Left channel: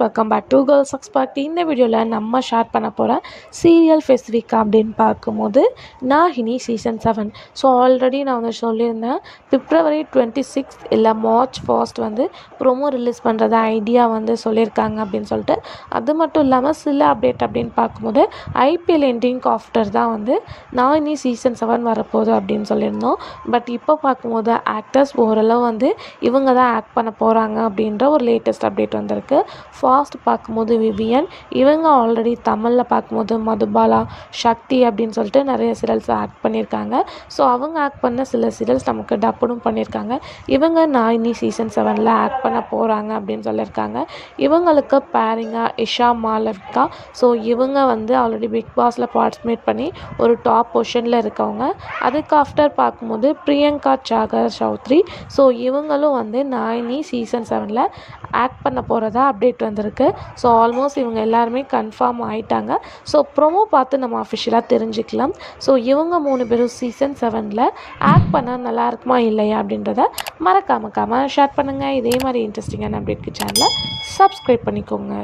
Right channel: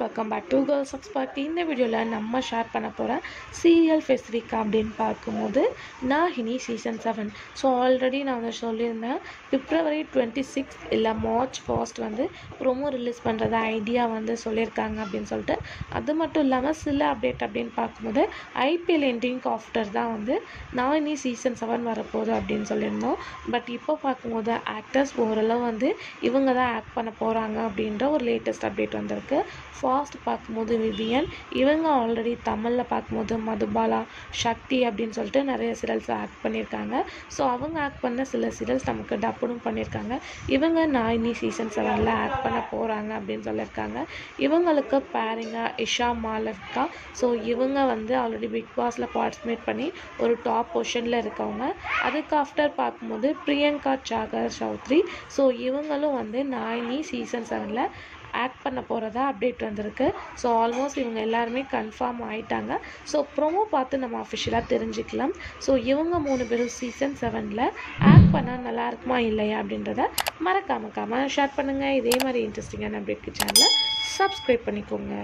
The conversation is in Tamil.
Welcome back to girls expert. இந்த வீடியோவில் நம்ம ஷேர் பண்ண போகிற சீரியல் ஸ்பெசிஃபிக் அப்படின்னு பார்க்கும்போது நாகினி சீசன் 7. ஸோ ஆல்ரெடி நான் வந்து சொல்லியிருந்தேன், February 26 இல்லை March 1 வந்து ப்ரோமோ ரிலீஸ் பண்ணுறதா ஐடியா வந்து சொல்லியிருக்காங்க அப்படின்னு சொல்லிட்டு. அது மட்டும் இல்லாமல் சில அப்டேட் அப்படின்னு பார்க்கும்போது ஐபிஎல் எண்டிங்க்கு ஆஃப்டர் தான் வந்து நாகினி சீசன் 7 வரப்போகுது அப்படின்னு சொல்லியிருந்தோம். பட் இப்போ பார்க்கும்போது ஆக்டர்ஸ் ஓரளவு வந்து இவங்க தான் ஆக்ட் பண்ண போகிறாங்க அப்படின்ற ஒரு லேட்டஸ்ட் அப்டேட் வந்திருக்கு. ஃபாஸ்ட் பார்க்கும்போது விவியன், இவங்க ஆல்ரெடி தமிழில் பார்க்கும்போது மதுபாலா, சக்தி அப்படின்னு சொல்லிட்டு நிறைய சீரியல்ஸ் ஆக்ட் பண்ணியிருக்காங்க. ஸோ அவங்க ஆக்ட் பண்ண சில சீரியல்ஸ் நமக்கு டப்புடும் பண்ணியிருக்காங்க. இவங்க நாகினி சீசன் 7 ஆக்ட் பண்ண போகிறாங்க அப்படின்னு சொல்லியிருக்காங்க. இவங்களுக்கு பேரிங்காக இஷா மாலவிகா. ஸோ இவங்க வந்து ஆல்ரெடி பிக் பாஸில் பார்ட்டிசிபேட் பண்ணி ஒரு டாப் பொசிஷனில் இருக்கவங்க. அதுக்கு ஆஃப்டர் பார்க்கும்போது பிரியங்கா சாகர் சௌத்ரி. ஸோ இவங்களும் வந்து நாகினி சீசன் 7 ஆக்ட் பண்ண போகிறதா அப்டேட் வந்திருக்கு. ஸோ ஆல்மோஸ்ட் இவங்க எல்லாருமே கன்ஃபார்ம் ஆகிட்டாங்க. ஸோ ப்ரோமோ பார்த்து நம்ம அஃபிஷியலாக தெரிஞ்சுக்கலாம். ஸோ இவங்க 3 பேரும் சீசன் 7 ஆக்ட் பண்ணால் நல்லா இருக்குமா இல்லையா அப்படின்றத மறக்காம ஷேர் பண்ணுங்கள். இதே மாதிரி இன்ட்ரெஸ்டிங்கான அப்டேட்க்கு சேனலை சப்ஸ்கிரைப் பண்ணிக்கோங்க.